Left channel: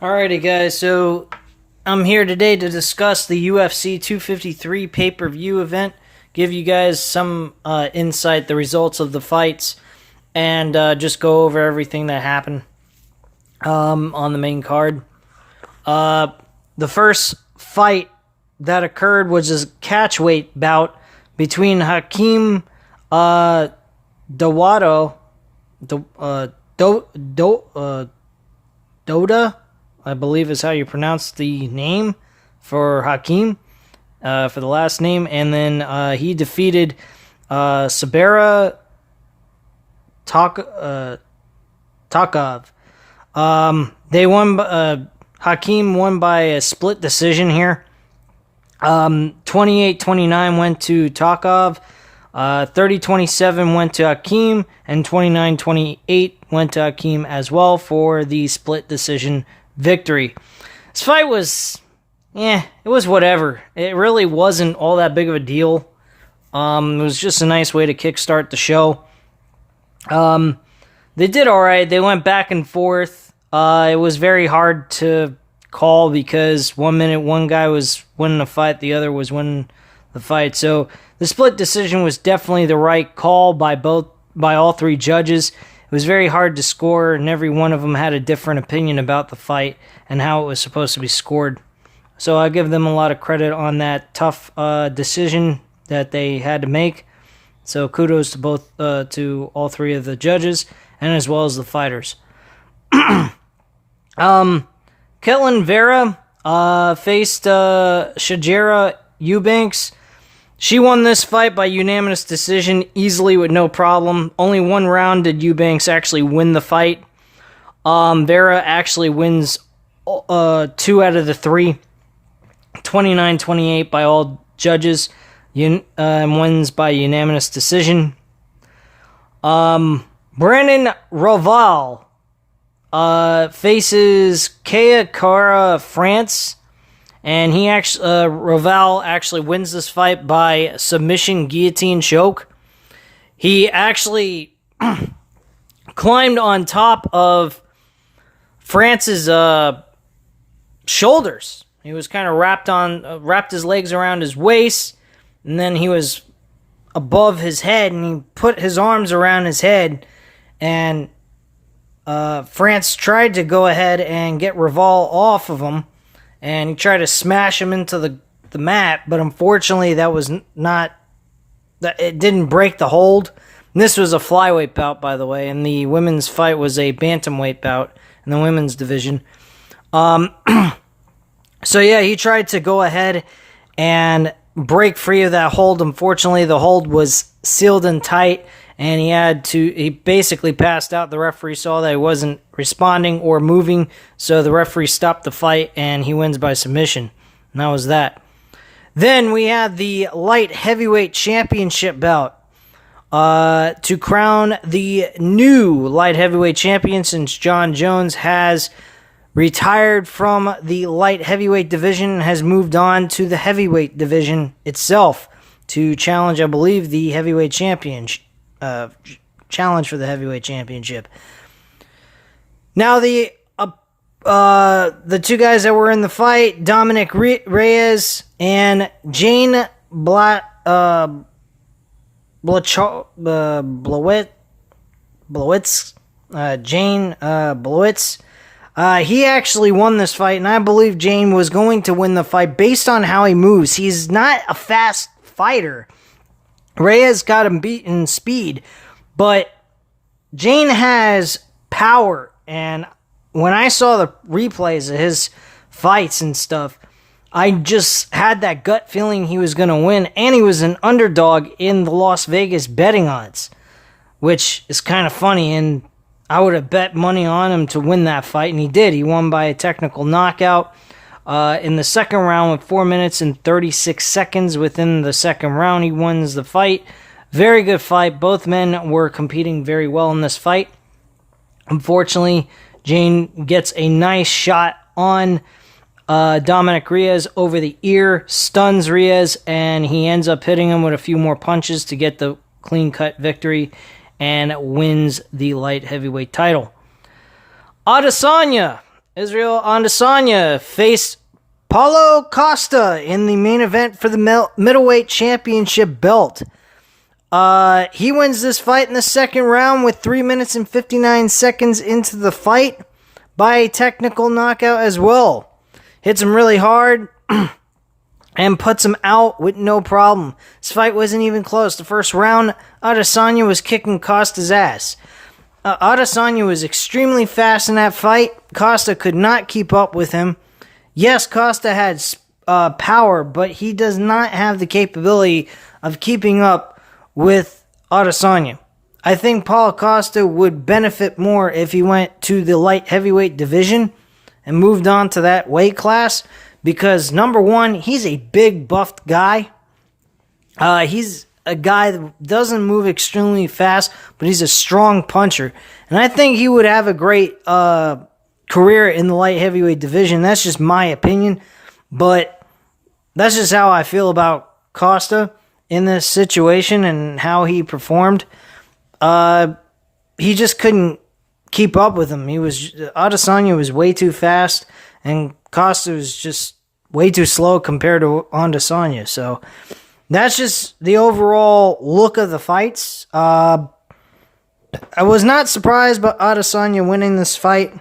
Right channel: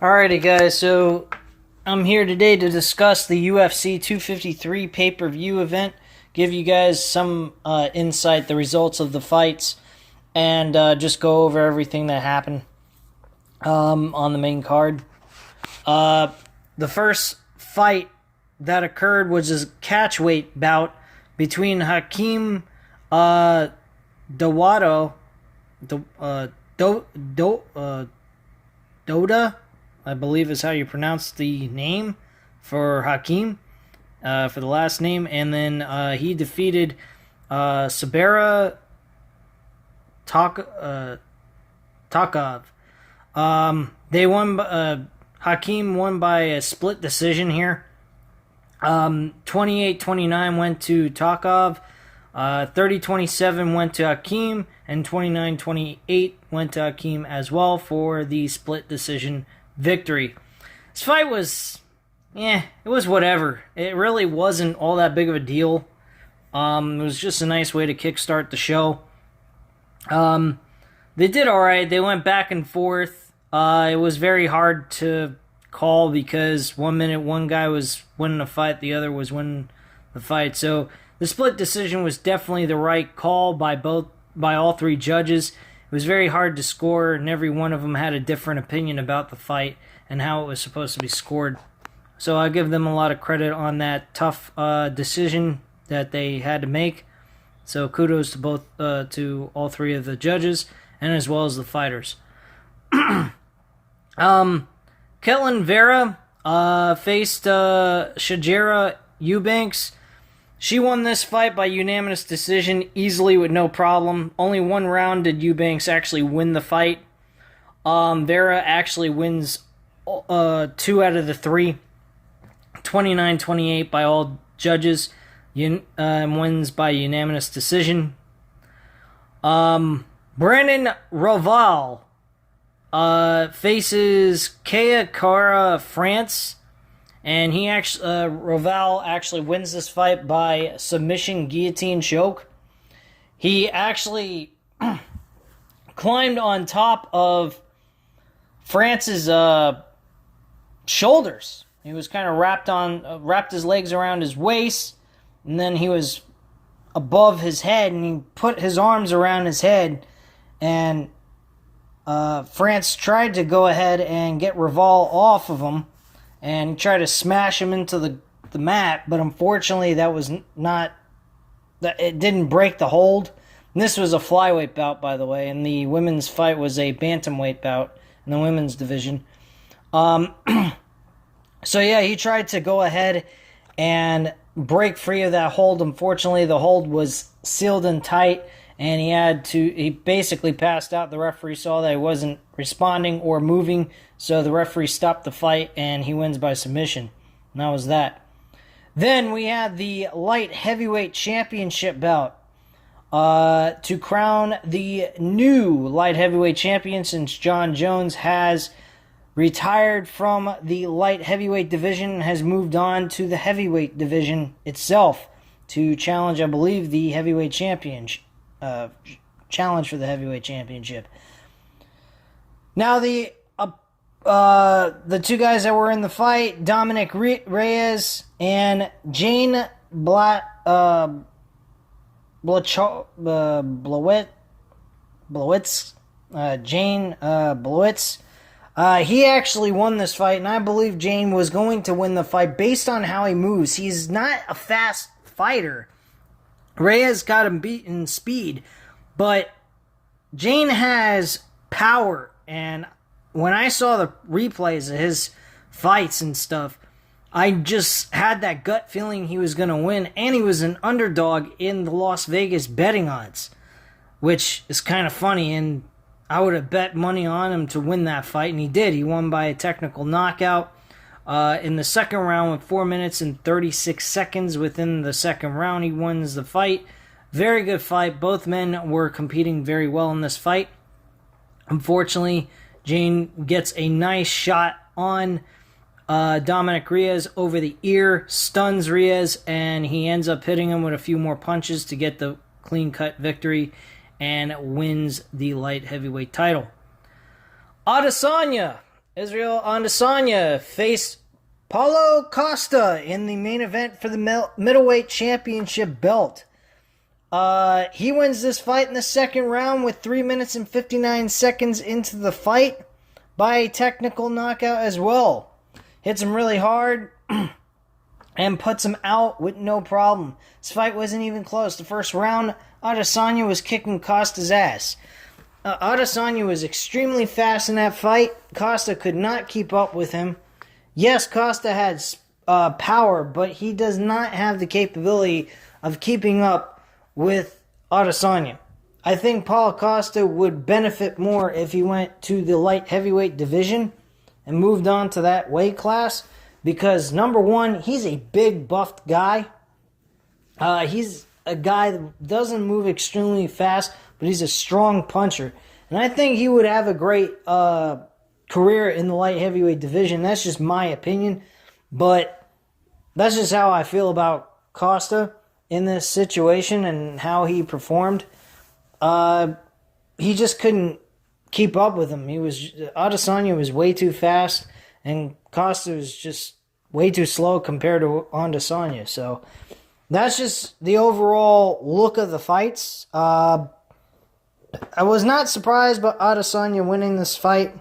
Alrighty, guys, so I'm here today to discuss the UFC 253 pay-per-view event, give you guys some insight, the results of the fights, and just go over everything that happened on the main card. The first fight that occurred was a catchweight bout between Hakeem Dawodu, Doda, I believe is how you pronounce the name for Hakeem, for the last name. And then he defeated Sabera Takov. They won, Hakeem won by a split decision here. 28-29 went to Takov. 30-27 went to Hakeem, and 29-28 went to Hakeem as well for the split decision victory. This fight was, it was whatever. It really wasn't all that big of a deal. It was just a nice way to kickstart the show. They did alright. They went back and forth. It was very hard to call because 1 minute one guy was winning the fight, the other was winning the fight. So the split decision was definitely the right call by all three judges. It was very hard to score, and every one of them had a different opinion about the fight and how it was supposed to be scored. So I give them a lot of credit on that tough decision that they had to make. So kudos to all three of the judges, and as well as the fighters. Ketlen Vera faced Shajara Eubanks. She won this fight by unanimous decision, easily with no problem. Only one round did Eubanks actually win the fight. Vera actually wins 2 out of the 3. 29-28 by all judges. And wins by unanimous decision. Brandon Roval faces Kea Kara France. And Roval actually wins this fight by submission guillotine choke. He actually climbed on top of France's shoulders. He was kind of wrapped his legs around his waist, and then he was above his head, and he put his arms around his head, and France tried to go ahead and get Roval off of him. And he tried to smash him into the mat, but unfortunately it didn't break the hold. And this was a flyweight bout, by the way, and the women's fight was a bantamweight bout in the women's division. So yeah, he tried to go ahead and break free of that hold. Unfortunately, the hold was sealed and tight, and he basically passed out. The referee saw that he wasn't responding or moving, so the referee stopped the fight, and he wins by submission. And that was that. Then we had the light heavyweight championship bout to crown the new light heavyweight champion, since John Jones has retired from the light heavyweight division and has moved on to the heavyweight division itself to challenge, I believe, the heavyweight championship. Challenge for the heavyweight championship. Now the two guys that were in the fight, Dominic Reyes and Jane Blowitz. Jane Blowitz. He actually won this fight, and I believe Jane was going to win the fight based on how he moves. He's not a fast fighter. Reyes got him beat in speed, but Jane has power, and when I saw the replays of his fights and stuff, I just had that gut feeling he was going to win, and he was an underdog in the Las Vegas betting odds, which is kind of funny, and I would have bet money on him to win that fight, and he did. He won by a technical knockout in the second round with 4 minutes and 36 seconds within the second round. He wins the fight. Very good fight. Both men were competing very well in this fight. Unfortunately, Jane gets a nice shot on Dominic Reyes over the ear, stuns Reyes, and he ends up hitting him with a few more punches to get the clean-cut victory and wins the light heavyweight title. Adesanya Israel Adesanya faced Paulo Costa in the main event for the middleweight championship belt. He wins this fight in the second round with 3 minutes and 59 seconds into the fight by a technical knockout as well. Hits him really hard and puts him out with no problem. This fight wasn't even close. The first round, Adesanya was kicking Costa's ass. Adesanya was extremely fast in that fight. Costa could not keep up with him. Yes, Costa had power, but he does not have the capability of keeping up with Adesanya. I think Paulo Costa would benefit more if he went to the light heavyweight division and moved on to that weight class, because number one, he's a big buffed guy. He's a guy that doesn't move extremely fast, but he's a strong puncher. And I think he would have a great career in the light heavyweight division. That's just my opinion. But that's just how I feel about Costa in this situation and how he performed. He just couldn't keep up with him. Adesanya was way too fast, and Costa was just way too slow compared to Adesanya. So that's just the overall look of the fights. I was not surprised by Adesanya winning this fight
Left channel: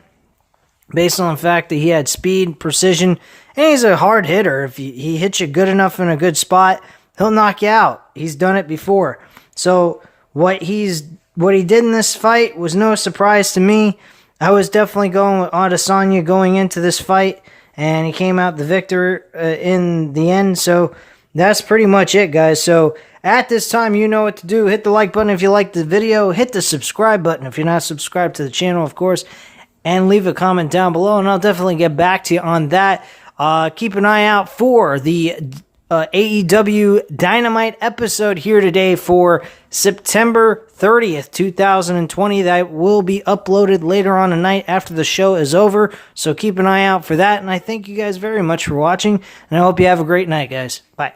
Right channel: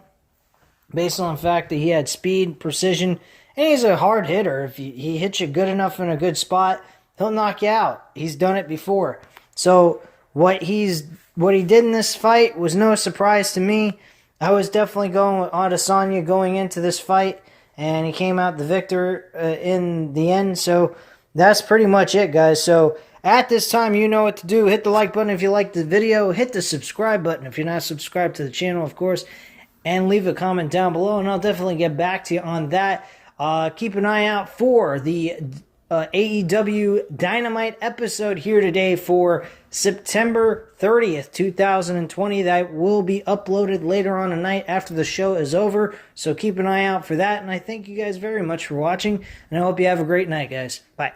based on the fact that he had speed, precision, and he's a hard hitter. If he hits you good enough in a good spot, he'll knock you out. He's done it before. So what he did in this fight was no surprise to me. I was definitely going with Adesanya going into this fight, and he came out the victor in the end. So that's pretty much it, guys. So at this time, you know what to do. Hit the like button if you liked the video. Hit the subscribe button if you're not subscribed to the channel, of course. And leave a comment down below, and I'll definitely get back to you on that. Keep an eye out for the AEW Dynamite episode here today for September 30th, 2020. That will be uploaded later on tonight after the show is over. So keep an eye out for that. And I thank you guys very much for watching, and I hope you have a great night, guys. Bye.